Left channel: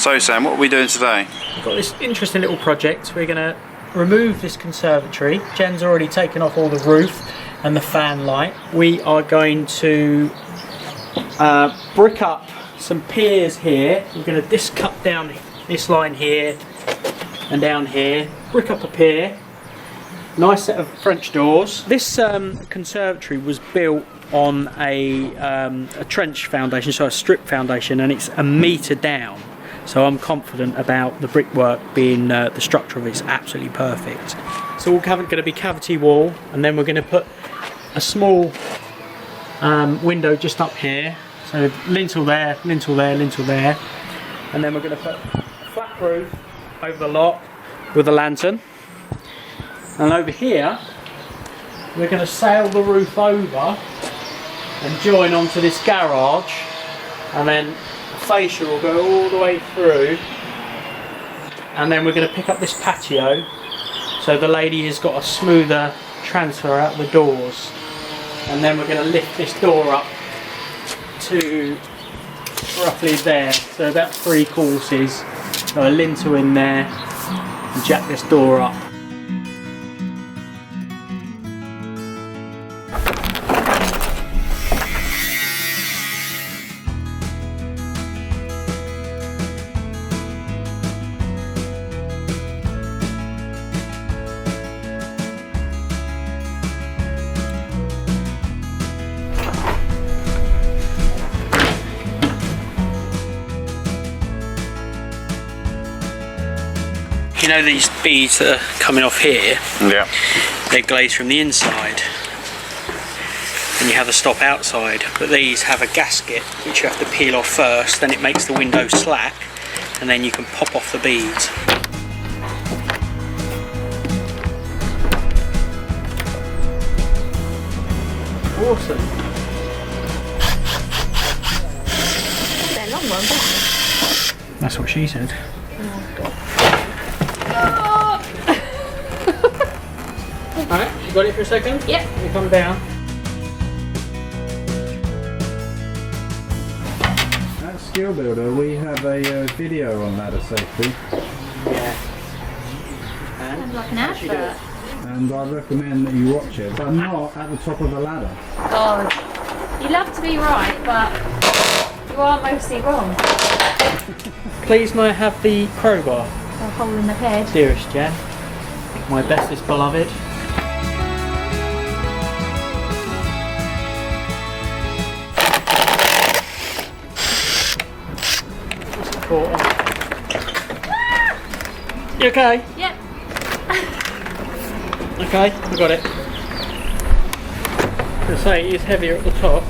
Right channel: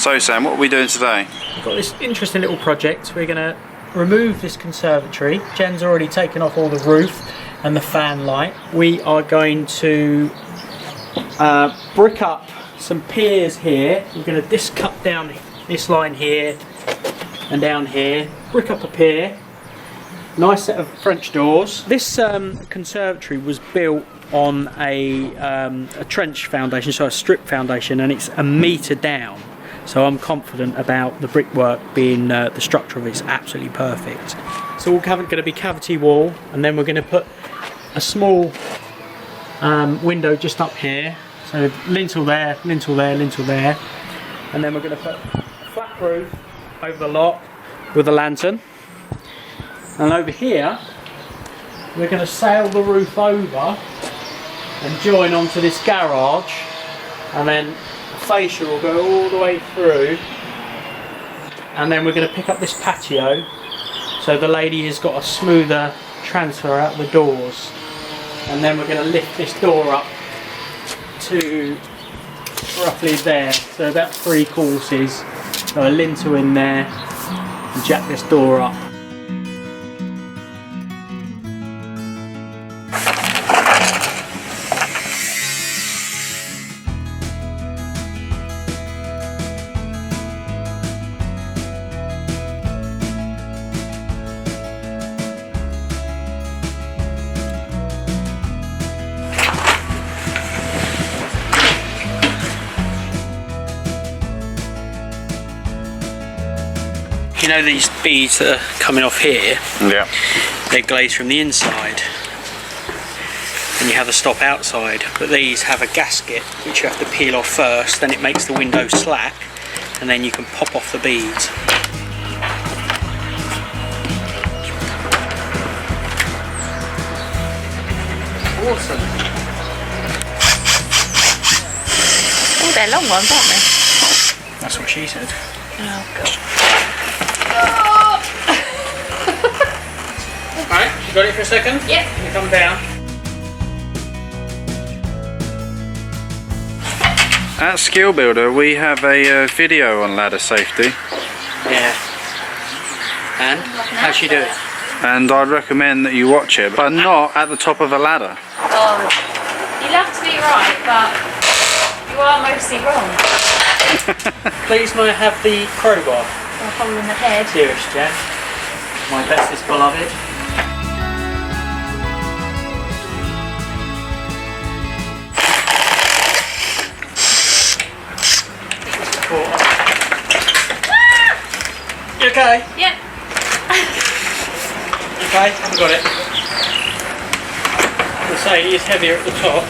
So Sam, what are we doing today? We've got this interesting little project. We're going to remove this conservatory. Jen's already taken off all the roof and the fan light. We are going to brick up some piers here. We're going to cut down this line here and down here, brick up a pier. Nice set of French doors. This conservatory was built on a trench foundation, so a strip foundation, and it's 1 metre down. So I'm confident about the brickwork being, the structure of it's absolutely perfect. So we're going to be cavity wall, and then we're going to put a small window just up here. So lintel there, lintel there, lintel there. And then we're going to put a flat roof over the lot with a lantern. And over here, we're going to sail the roof over and join onto this garage, and then fascia will go all the way through, and then we're going to pick up this patio so the lady has got a smoother transfer out the doors, and then we're going to lift this door up to roughly there, so about 3 courses, so a lintel in there and jack this door up. You know these beads that are coming off here? Yeah. They're glazed from the inside, and you have the stop outside, but these have a gasket which you have to peel off first, then it makes the window slack, and then you can pop off the beads. Awesome. Oh, they're long ones, aren't they? That's what she said. Oh, God. Alright, you got it for a second? Yep. You come down. At Skill Builder we have a video on ladder safety. Yeah. And how's she doing? And I'd recommend that you watch it, but not at the top of a ladder. Oh, you love to be right, but you are mostly wrong. Please may I have the crowbar? A hole in the head. Dearest Jen, my bestest beloved. You okay? Yep. You okay? You got it. I say it is heavier at the top.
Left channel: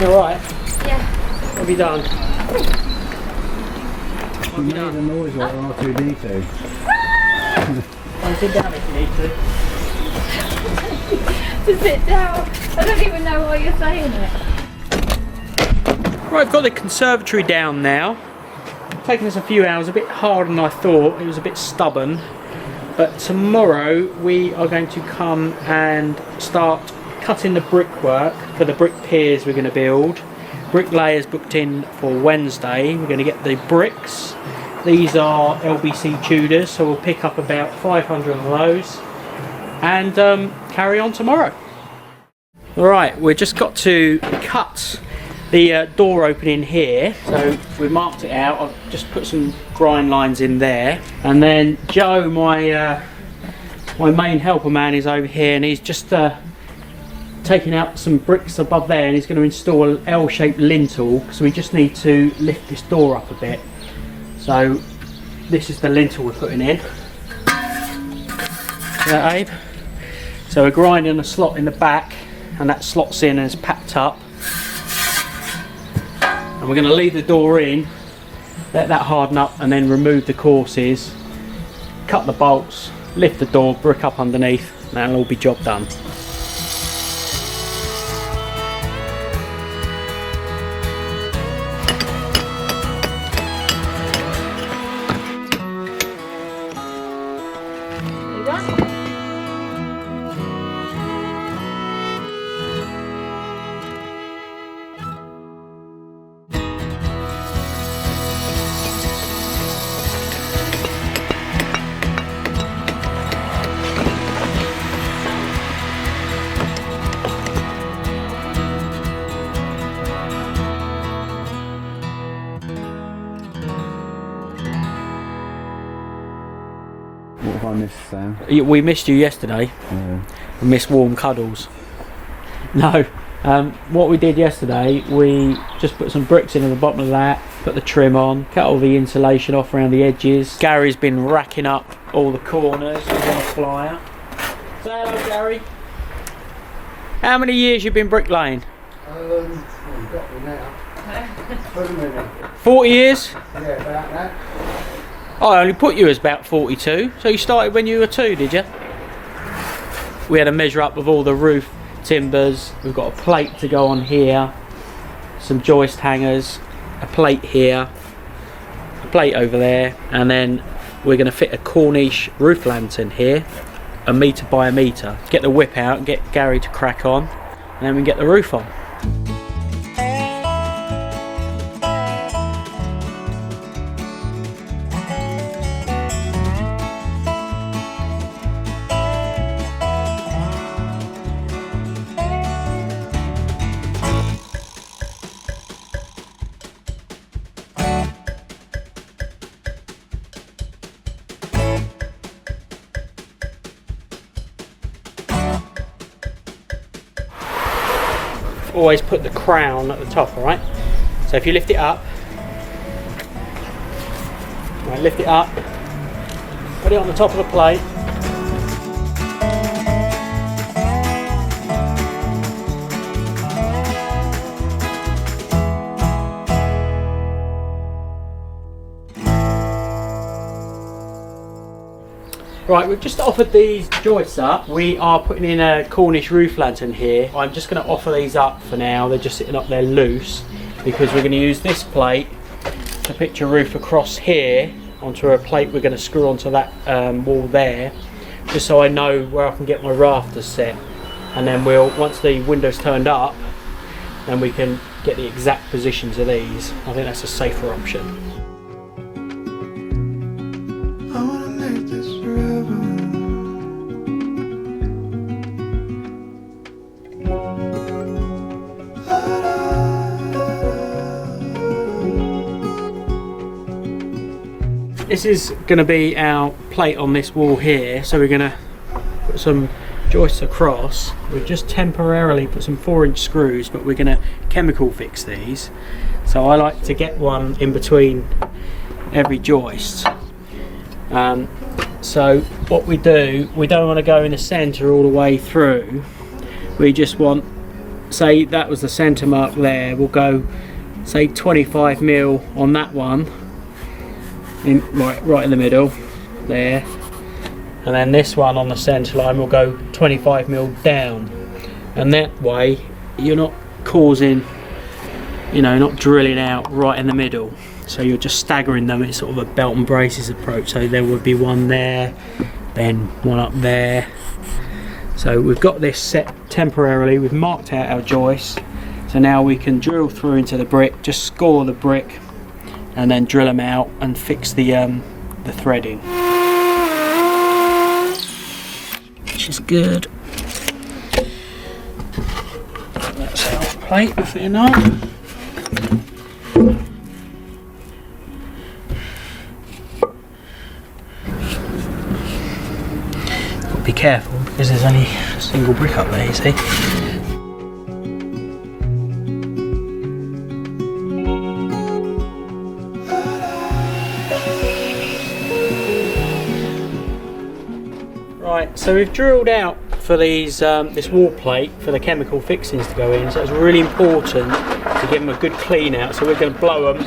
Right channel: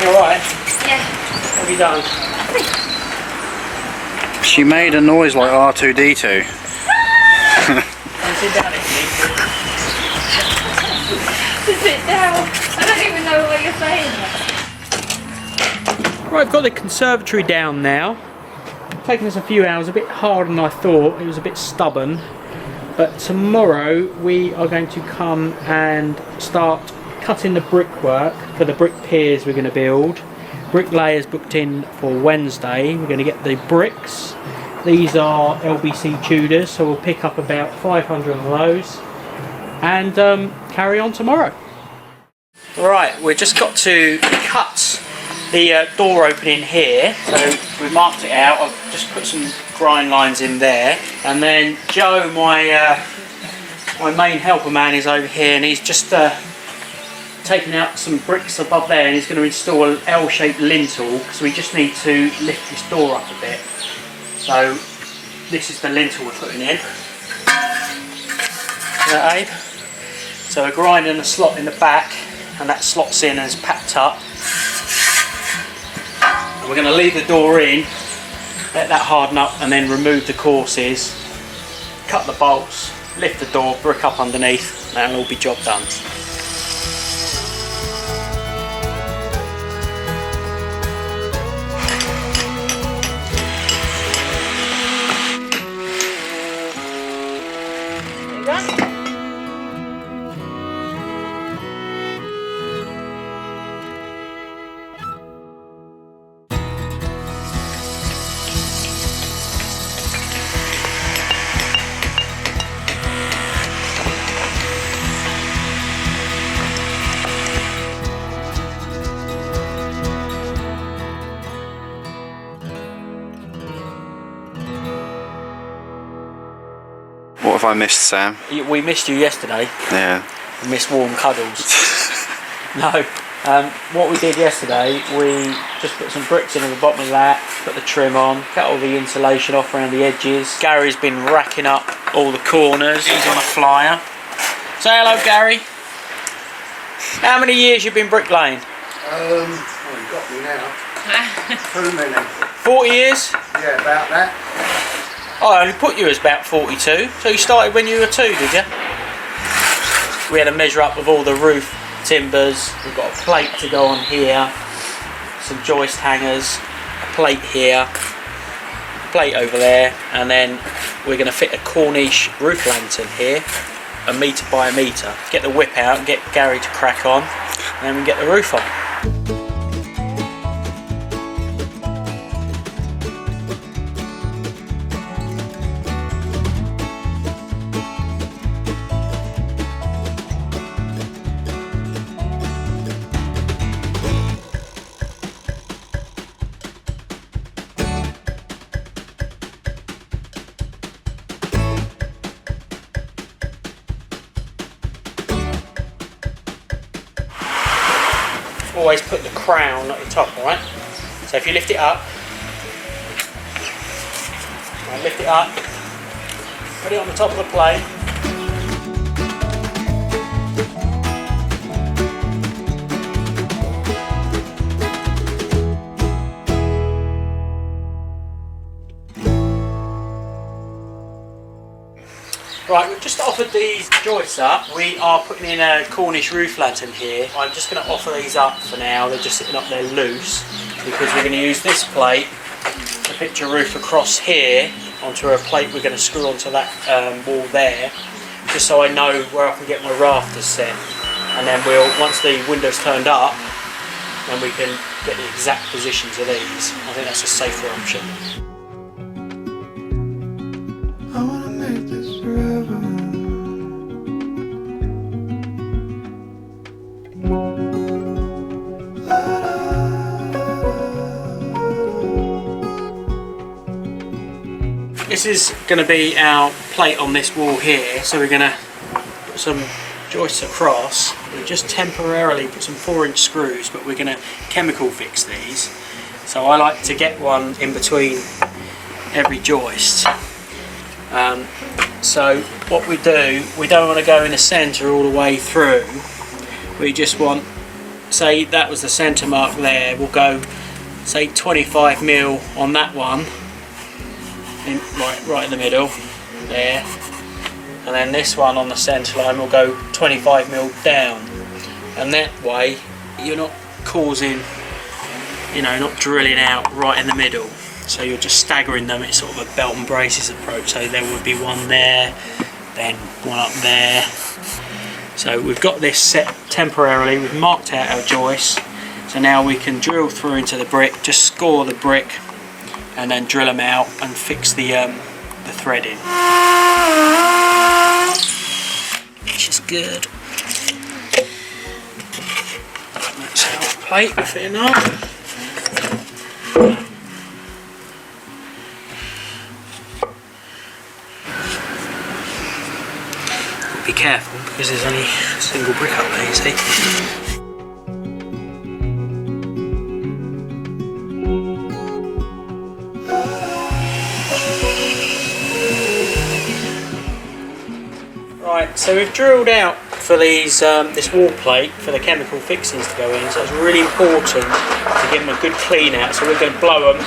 You alright? Yeah. What have you done? She made a noise like R2-D2. And sit down if you need To sit down. I don't even know what you're saying yet. Right, I've got the conservatory down now. Taken us a few hours, a bit harder than I thought. It was a bit stubborn. But tomorrow we are going to come and start cutting the brickwork for the brick piers we're going to build. Bricklayers booked in for Wednesday. We're going to get the bricks. These are LBC Tudors, so we'll pick up about 500 of those and carry on tomorrow. Alright, we've just got to cut the door opening here, so we've marked it out. I've just put some grind lines in there, and then Joe, my main helper man, is over here, and he's just taking out some bricks above there, and he's going to install an L-shaped lintel because we just need to lift this door up a bit. So this is the lintel we're putting in. That, Abe? So we're grinding a slot in the back, and that slots in and is packed up. And we're going to leave the door in, let that harden up, and then remove the courses, cut the bolts, lift the door, brick up underneath, and that'll all be job done. Have I missed Sam? We missed you yesterday. Yeah. We missed warm cuddles. No. What we did yesterday, we just put some bricks in at the bottom of that, put the trim on, cut all the insulation off around the edges. Gary's been racking up all the corners. He's on a flyer. Say hello, Gary. How many years you been bricklaying? Well, you got me now. Too many. 40 years? Yeah, about that. I only put you as about 42. So you started when you were 2, did you? We had to measure up with all the roof timbers. We've got a plate to go on here, some joist hangers, a plate here, a plate over there, and then we're going to fit a Cornish roof lantern here, 1 metre by 1 metre. Get the whip out, get Gary to crack on, and then we can get the roof on. Always put the crown at the top, alright? So if you lift it up, right, lift it up, put it on the top of the plate. Right, we've just offered these joists up. We are putting in a Cornish roof lantern here. I'm just going to offer these up for now. They're just sitting up there loose because we're going to use this plate to pitch a roof across here onto a plate we're going to screw onto that wall there, just so I know where I can get my rafters set. And then once the window's turned up, then we can get the exact positions of these. I think that's a safer option. I wanna make this forever. This is going to be our plate on this wall here, so we're going to put some joists across. We've just temporarily put some 4-inch screws, but we're going to chemical fix these. So I like to get one in between every joist. So what we do, we don't want to go in the centre all the way through. We just want, say that was the centre mark there, we'll go say 25mm on that one, right in the middle there, and then this one on the centre line will go 25mm down, and that way you're not causing, not drilling out right in the middle. So you're just staggering them. It's sort of a belt and braces approach. So there would be one there, then one up there. So we've got this set temporarily. We've marked out our joists. So now we can drill through into the brick, just score the brick, and then drill them out and fix the threading. Which is good. That's our plate fitting up. Be careful because there's only a single brick up there, you see. Right, so we've drilled out for these this wall plate for the chemical fixings to go in, so it's really important to give them a good clean out. So we're going to blow them,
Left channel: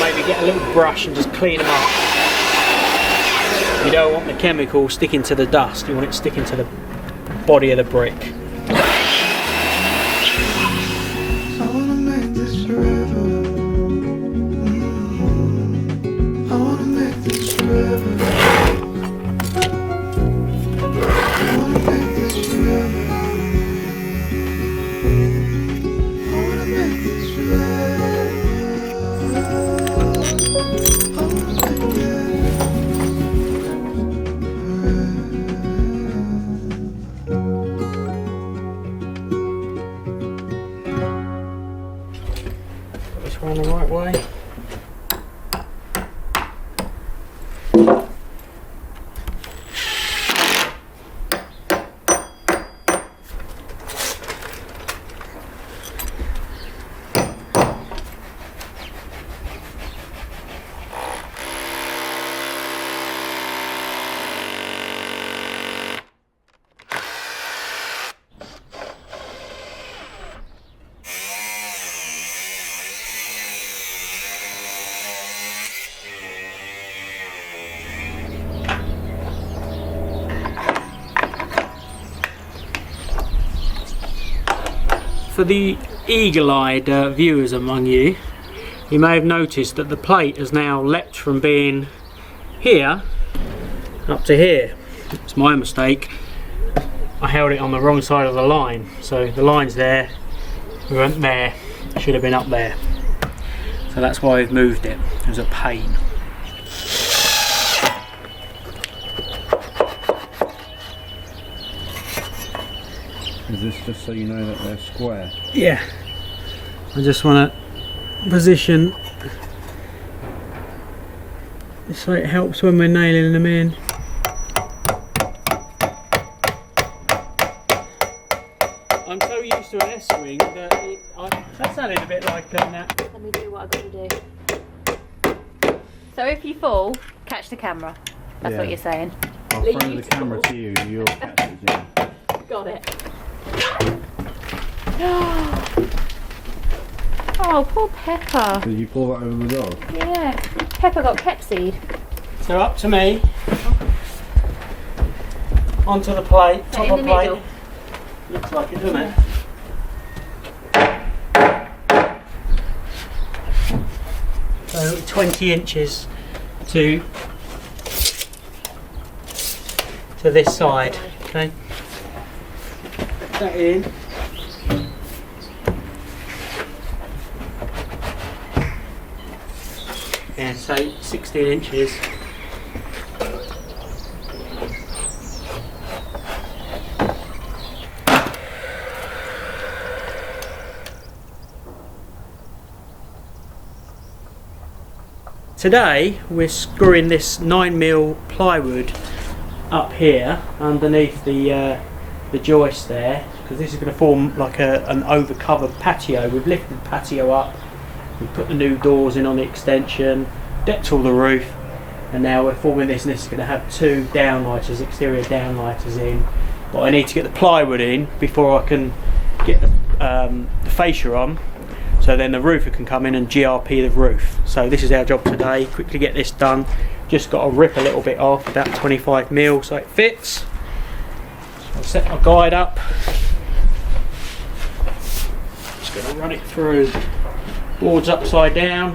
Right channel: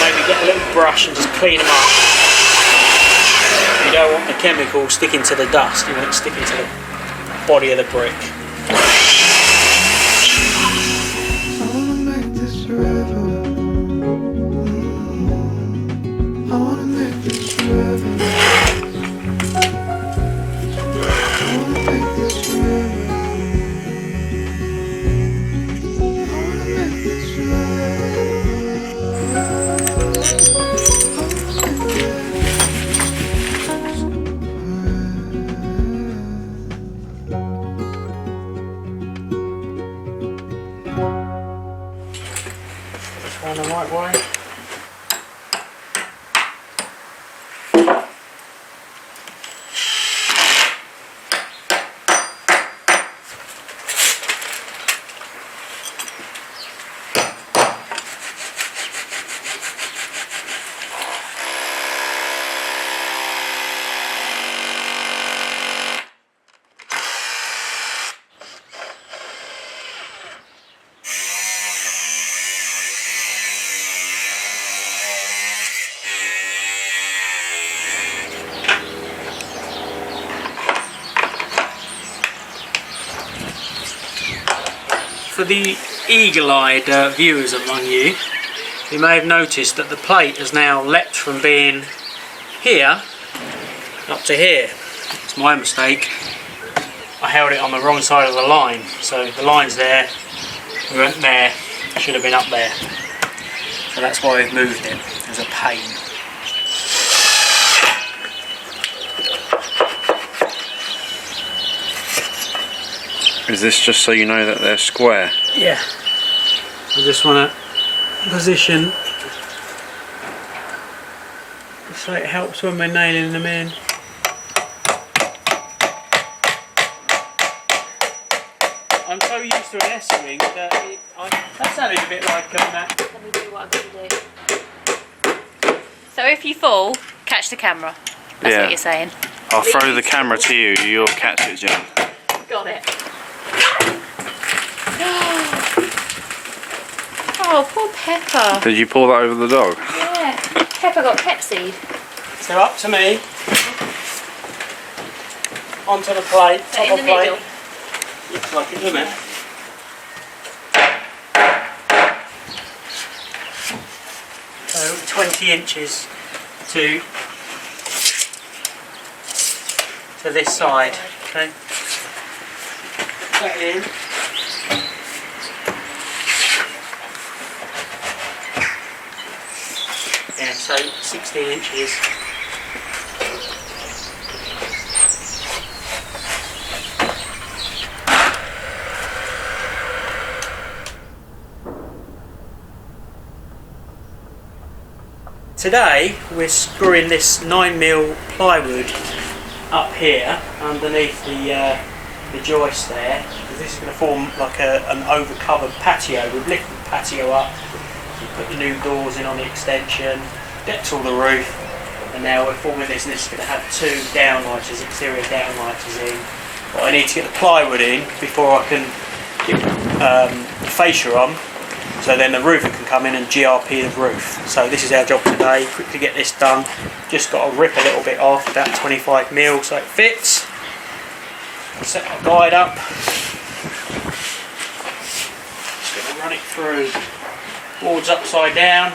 maybe get a little brush and just clean them up. You don't want the chemical sticking to the dust, you want it sticking to the body of the brick. I wanna make this forever. I wanna make this forever. I wanna make this forever. I wanna make this forever. I wanna make this. Going the right way. for the eagle-eyed viewers among you, you may have noticed that the plate has now leapt from being here up to here. It's my mistake. I held it on the wrong side of the line, so the line's there, we went there, should have been up there. So that's why I've moved it. It was a pain. Is this just so you know that they're square? Yeah. I just want to position so it helps when we're nailing them in. I'm so used to an S-wing that that sounded a bit like that. Let me do what I've got to do. So if you fall, catch the camera. That's what you're saying. I'll throw the camera to you, you'll catch it, Jen. Got it. Oh, poor Pepper. Did you pull that over the dog? Yeah. Pepper got pep seed. So up to me. Onto the plate, top In of the plate. middle. Looks like it, doesn't it? So 20 inches to this side. Okay. That in. Yeah, so 16 inches. Today we're screwing this 9mm plywood up here underneath the joist there, because this is going to form like an over-covered patio. We've lifted the patio up, we put the new doors in on the extension, decked all the roof, and now we're forming this, and this is going to have two downlighters, exterior downlighters in. But I need to get the plywood in before I can get fascia on, so then the roofer can come in and GRP the roof. So this is our job today, quickly get this done. Just got to rip a little bit off with that 25mm so it fits. I'll set my guide up. Just going to run it through, boards upside down.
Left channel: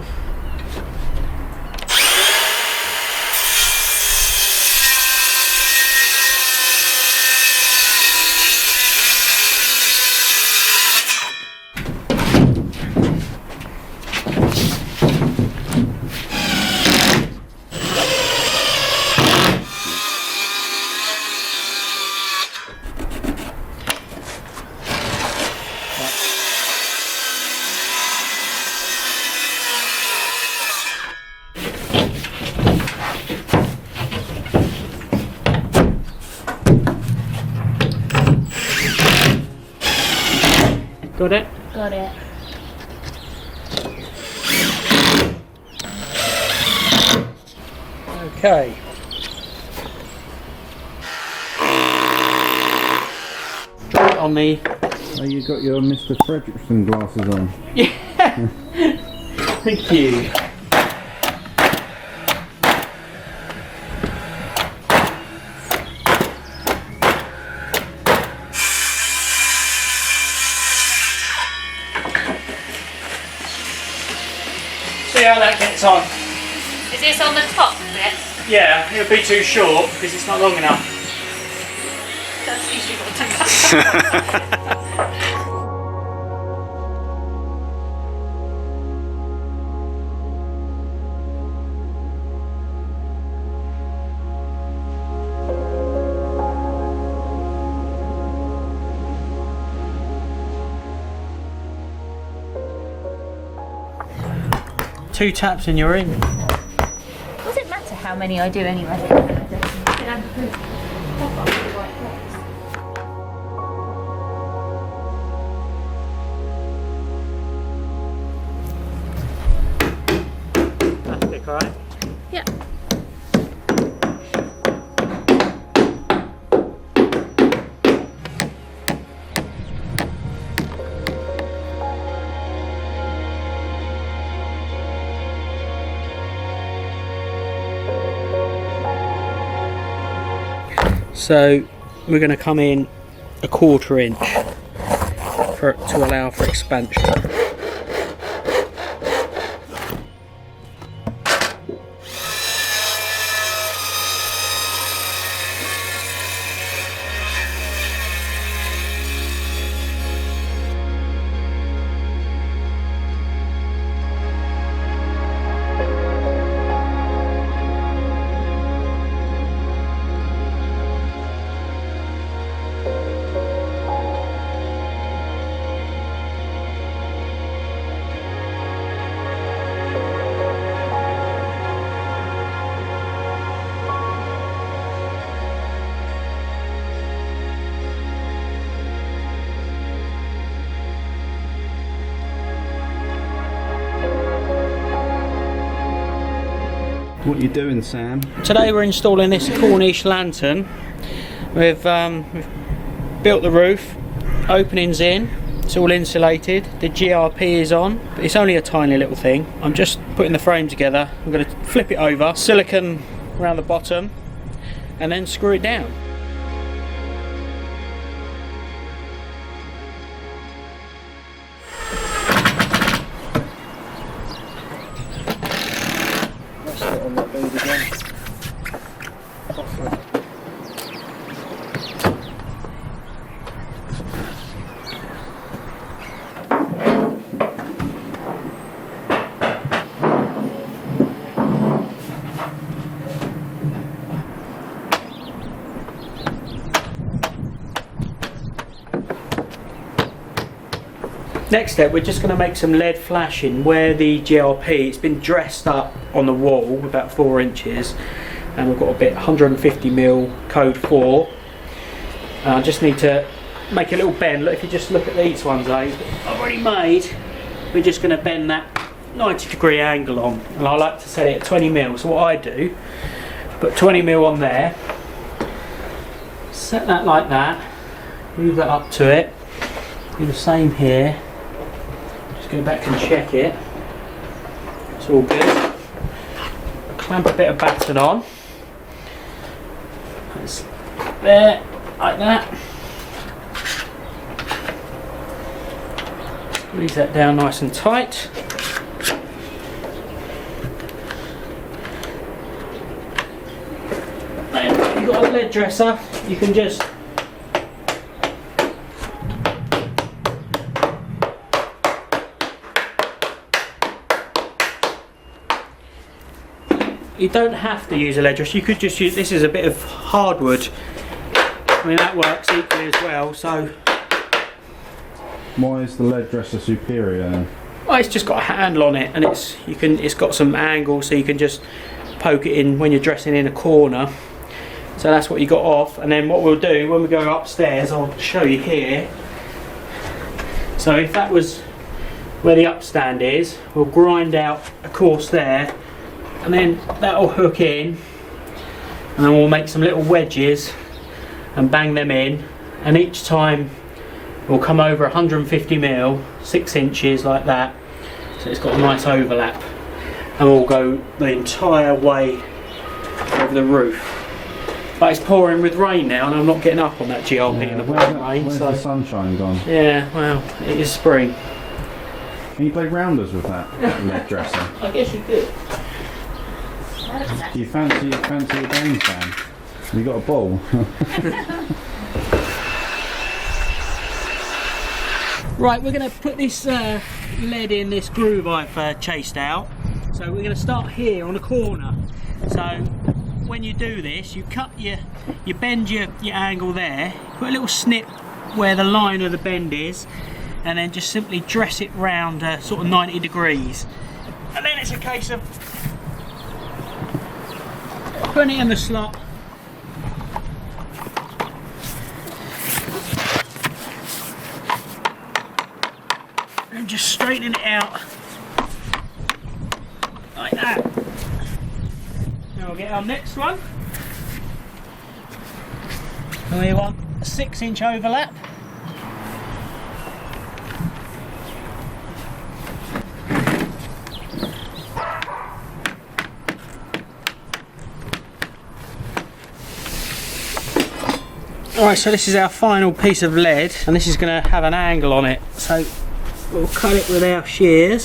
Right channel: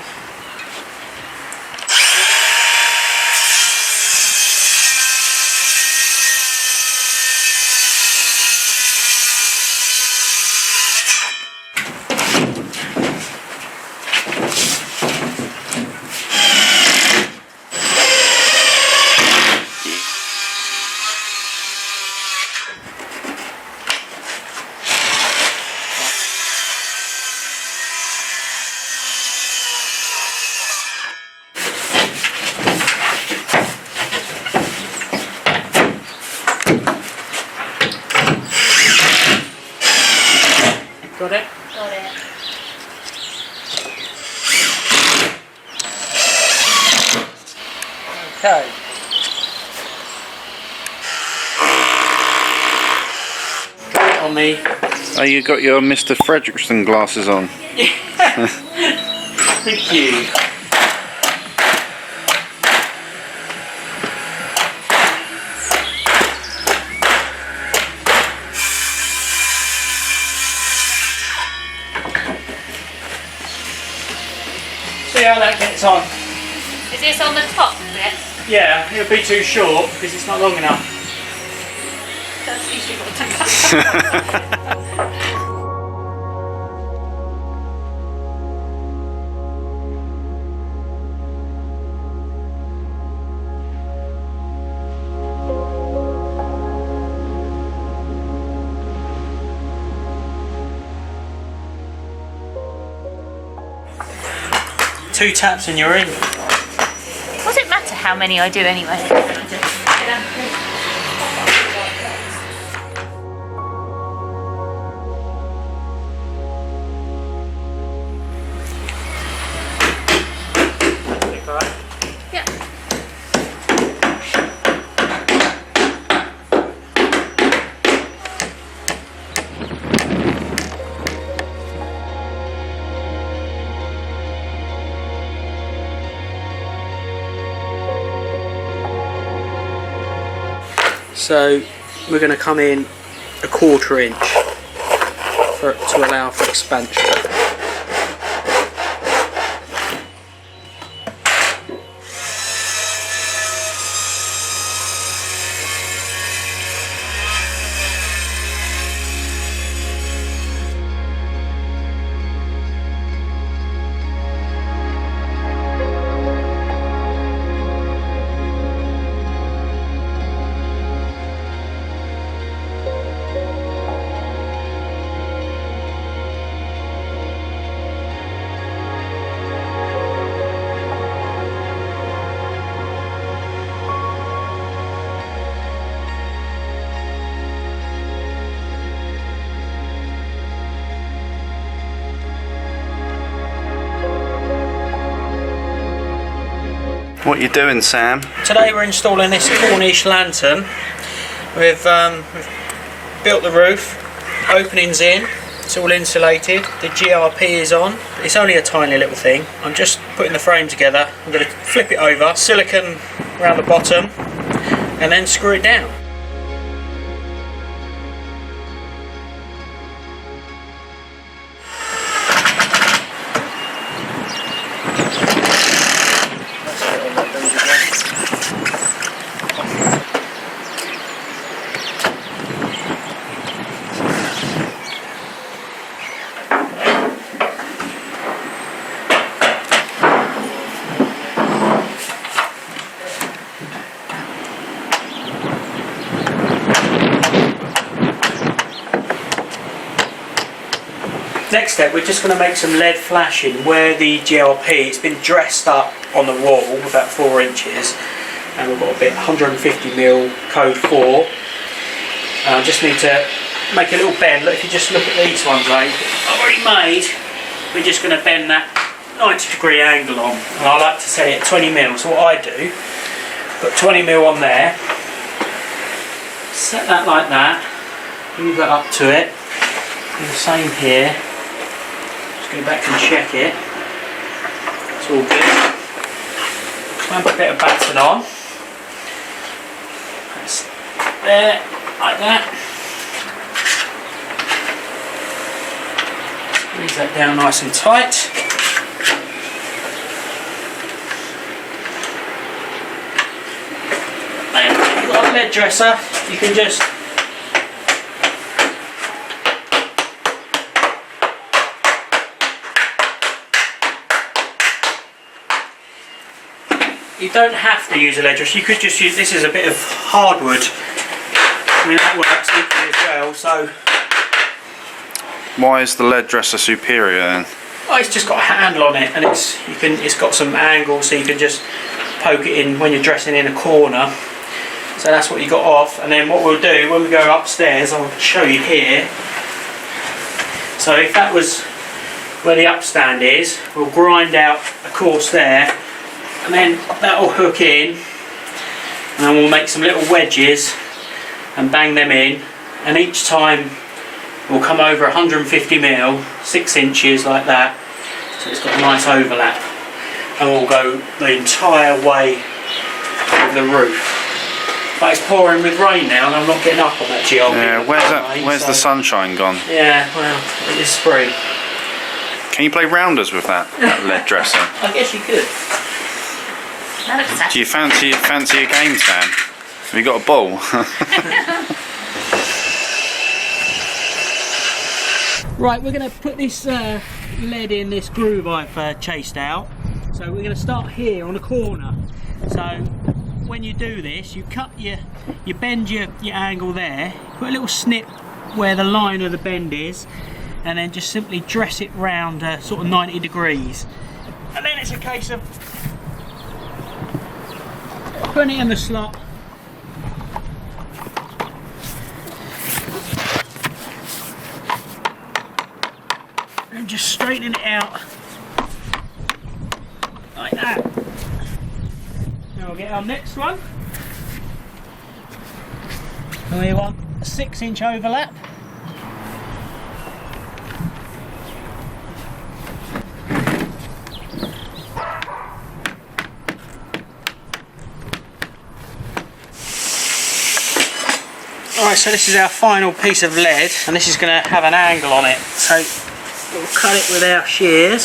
Got it? Got it. Okay. On the... Oh, you got your Mr. Fredrickson glasses on. Thank you. See how that gets on. Is this on the top bit? Yeah, it'll be too short because it's not long enough. That's usually what Two taps and you're in. Does it matter how many I do anyway? Right? Yeah. So we're going to come in 1/4 inch. to allow for expansion. What you doing, Sam? Today we're installing this Cornish lantern. We've built the roof, openings in, it's all insulated, the GRP is on. It's only a tiny little thing. I'm just putting the frame together. I'm going to flip it over, silicone around the bottom, and then screw it down. Next step, we're just going to make some lead flashing where the GRP, it's been dressed up on the wall about 4 inches, and we've got a bit 150mm code 4. I just need to make a little bend. Look, if you just look at these ones, I've already made. We're just going to bend that 90-degree angle on, and I like to set it at 20mm. So what I do, put 20mm on there, set that like that, move that up to it, do the same here. Go back and check it. It's all good. Clamp a bit of batten on. That's there, like that. Squeeze that down nice and tight. And if you've got a lead dresser, you can just you don't have to use a lead dresser, you could just use, this is a bit of hardwood. I mean, that works equally as well, so. Why is the lead dresser superior then? Well, it's just got a handle on it, and it's got some angle, so you can just poke it in when you're dressing in a corner. So that's what you got off, and then what we'll do when we go upstairs, I'll show you here. So if that was where the upstand is, we'll grind out a course there, and then that'll hook in, and then we'll make some little wedges and bang them in, and each time we'll come over 150mm, 6 inches like that, so it's got a nice overlap, and we'll go the entire way over the roof. But it's pouring with rain now, and I'm not getting up on that GRP. Yeah, where's the sunshine gone? Yeah, well, it is spring. Can you play rounders with that lead dresser? I guess you could. Do you fancy a game, Sam? Have you got a ball? Right, we're going to put this lead in this groove I've chased out. So we're going to start here on the corner. So when you do this, you bend your angle there, put a little snip where the line of the bend is, and then just simply dress it round sort of 90 degrees. And then it's a case of putting it in the slot. And just straightening it out like that. Now we'll get our next one. And we want a 6-inch overlap. Alright, so this is our final piece of lead, and this is going to have an angle on it. So we'll cut it with our shears.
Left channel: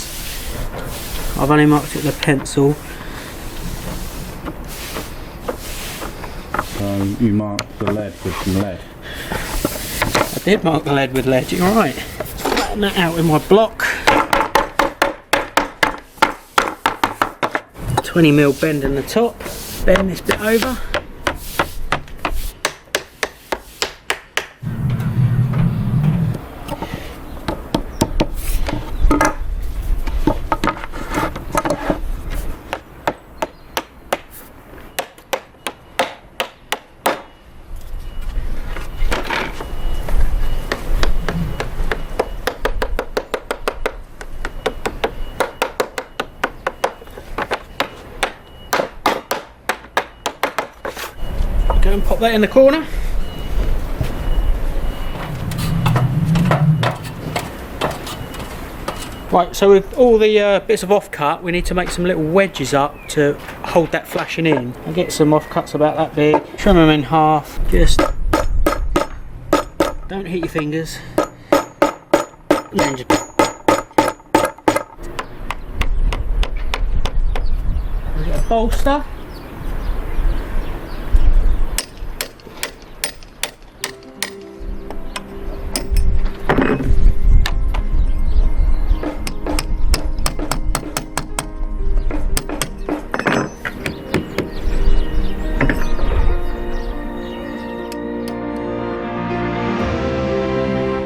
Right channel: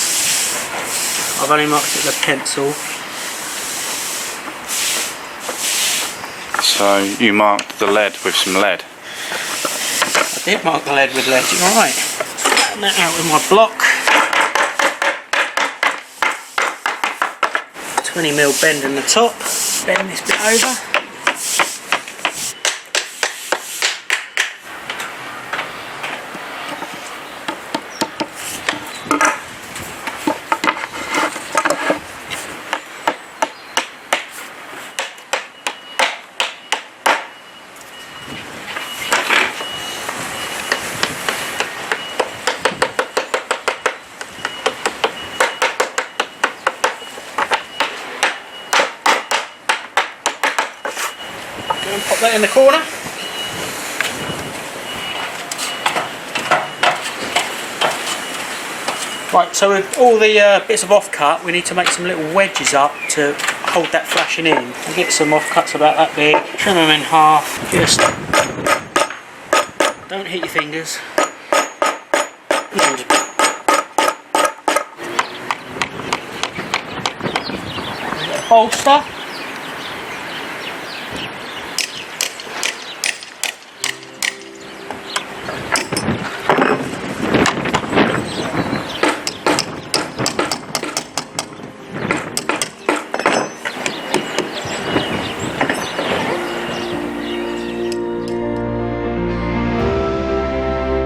I've only marked it with a pencil. So you marked the lead with some lead. I did mark the lead with lead, you're right. Flatten that out with my block. 20mm bend in the top. Bend this bit over. And pop that in the corner. Right, so with all the bits of offcut, we need to make some little wedges up to hold that flashing in. I'll get some offcuts about that big, trim them in half. Just don't hit your fingers. A bolster.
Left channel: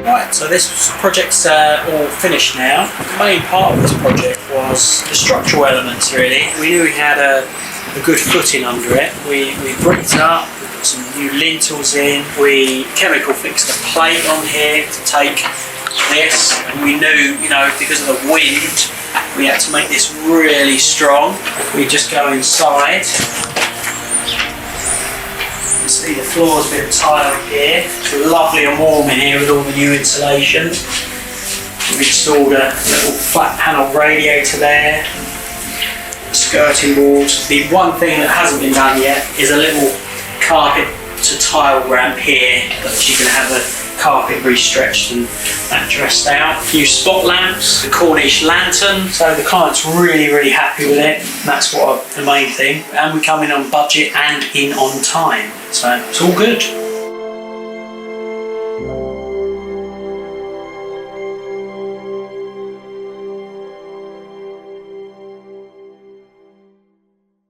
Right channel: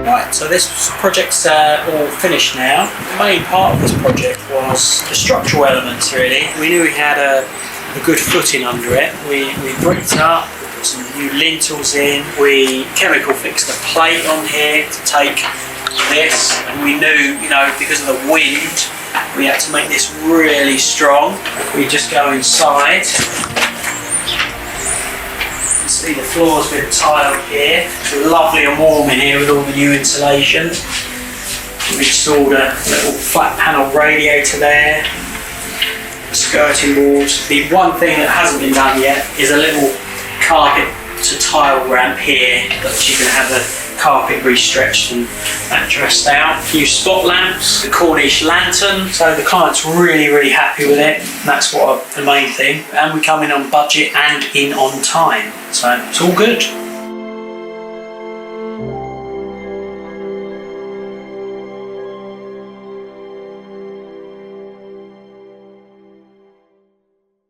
Right, so this project's all finished now. The main part of this project was the structural elements, really. We knew we had a good footing under it. We bricked it up, we put some new lintels in, we chemical fixed the plate on here to take this, and we knew, you know, because of the wind, we had to make this really strong. We just go inside. See the floor's been tiled here. It's lovely and warm in here with all the new insulation. We installed a little flat panel radiator there, skirting boards. The one thing that hasn't been done yet is a little carpet to tile ramp here, that you can have the carpet restretched and that dressed out. A few spot lamps, the Cornish lantern, so the client's really happy with it, and that's what the main thing. And we come in on budget and in on time, so it's all good.